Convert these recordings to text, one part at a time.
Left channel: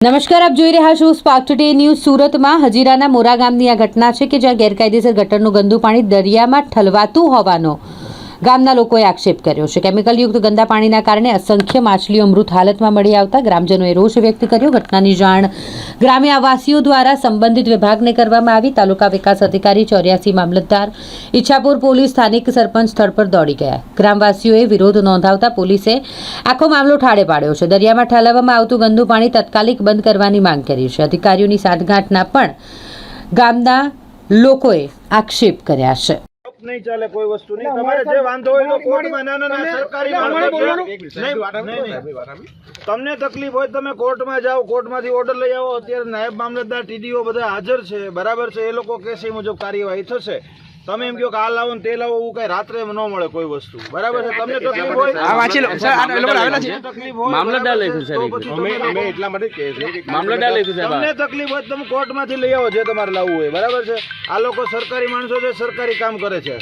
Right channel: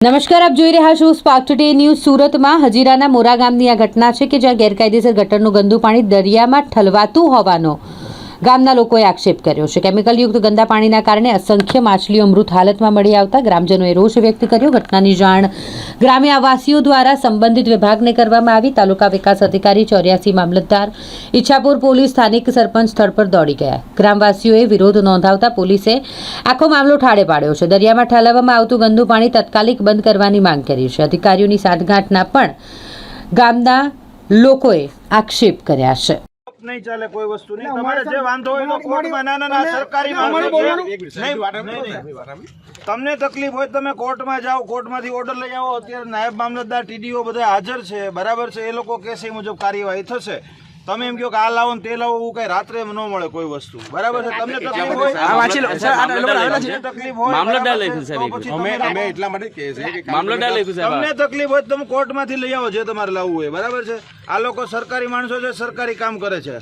નમસ્કાર, આપ જોઈ રહ્યા છો સ્પાર્ક ટુડે ન્યૂઝ સુરતમાં. હજીરાના મોરા ગામની આ ઘટના છે કે જ્યાં ગેરકાયદેસર ગટરનું ગંદુ પાણી દરિયામાં ઠલવાતું હોવાનો ગામના લોકોએ આક્ષેપ કર્યો છે. કેમિકલયુક્ત ગંદા પાણીના કારણે અસંખ્ય માછલીઓ મૃત હાલતમાં મળી આવતા ગ્રામજનોએ રોષ વ્યક્ત કર્યો. ઘટનાની જાણ ગ્રામ્ય આવાસીઓ દ્વારા સંબંધિત વિભાગને કરવામાં આવી. તાલુકા વિકાસ અધિકારી ચોર્યાસી મામલતદાર ઈચ્છાપુર પોલીસ સ્થાનિક સરપંચ સ્થળ પર દોડી ગયા. ગ્રામવાસીઓએ વિરોધ નોંધાવતા પોલીસે આખો મામલો ઠાળે પાડ્યો છે. દરિયામાં ઠાલવવામાં આવતું ગંદુ પાણી તાત્કાલિક બંધ કરવાની માંગ કરી છે. અધિકારીઓની સાંઠગાંઠના પણ ગામના લોકોએ આક્ષેપ કર્યા છે. નહીં ચાલે કોઈ વસ્તુ નહીં. તમારે જે વાંધો હોય તો કોર્ટમાં ના ના ના સરકારી માણસો છે. તમને તકલીફ હોય તો તમે કોર્ટમાં જાઓ કોર્ટમાંથી ઓર્ડર લઈ આવો. અત્યારે નાયબ મામલતદાર ટીડીઓ બધા હાજર છે. બરાબર છે? એ લોકો કેસ એ મુજબ કાર્યવાહી થશે. તમે એમ કહો કે આ લાવો ને તે લાવો એવું કઈ રાત્રે ન મળે કોઈ વસ્તુ. બરાબર છે? તમને તકલીફ હોય? તમને તકલીફ હોય બરાબર છે? તો પછી તમે એટલા માટે કહે છે કે તમને તકલીફ હોય તમે કોર્ટમાંથી લઈ આવો જે તમારે લાવવું હોય. બરાબર છે? આ લોકો સરકારી માણસો છે સરકારી કામ કરે છે.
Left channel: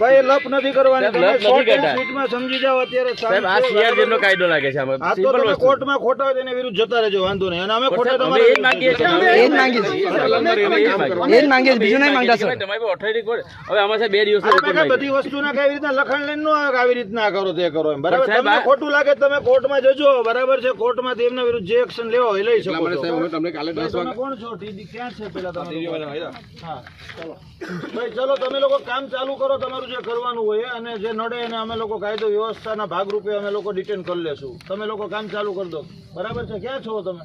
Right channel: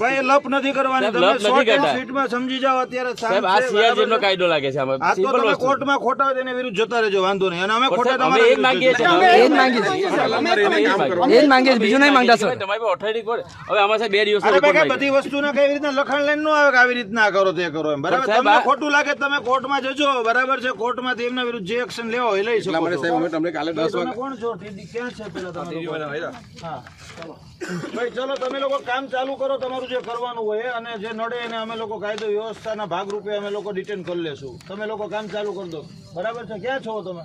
ભાઈ લપ નથી કરવાની. તમે શોર્ટ એન્ડ સ્વીટમાં સમજી જાઓ અત્યારે શાંત છે બરાબર કાયદો લાગે છે આ તો તમે કોર્ટમાં ખોટા હોય વિરુદ્ધ જતા રહેજો વાંધો નહીં. અને અમે ખોટા તમારા વિરુદ્ધ. બીજું નહીં માંગતા સર. અરે ભાઈ કઈ બધી વસ્તુના કઈ રીતના લખાણ લઈને ન આવે આવી રીતના કરો તે કરો એમ. બરાબર? તમને ખોટું લાગે તો તમે કોર્ટમાં જજો. બરાબર છે? કોર્ટમાંથી એમના વિરુદ્ધ જે એક્શન લેવા હોય એ લઈ શકો છો. સાહેબ, અમે તમને કાલે દસ તમે કોણ છો? ટીડી ક્યાં છે? પેલા તમે ચાલો. ભાઈ ચલો તમે લોકો કામ ચાલુ કરો, તમારું જે કરવાનું હોય અને જે નડે એને અમે લોકો કાયદો વ્યવસ્થાના ભાગરૂપે અમે લોકો ડિટેન કરી લેશું. તમે લોકો કામ ચાલુ કરી દો. બરાબર છે? ક્યાં છો તમે?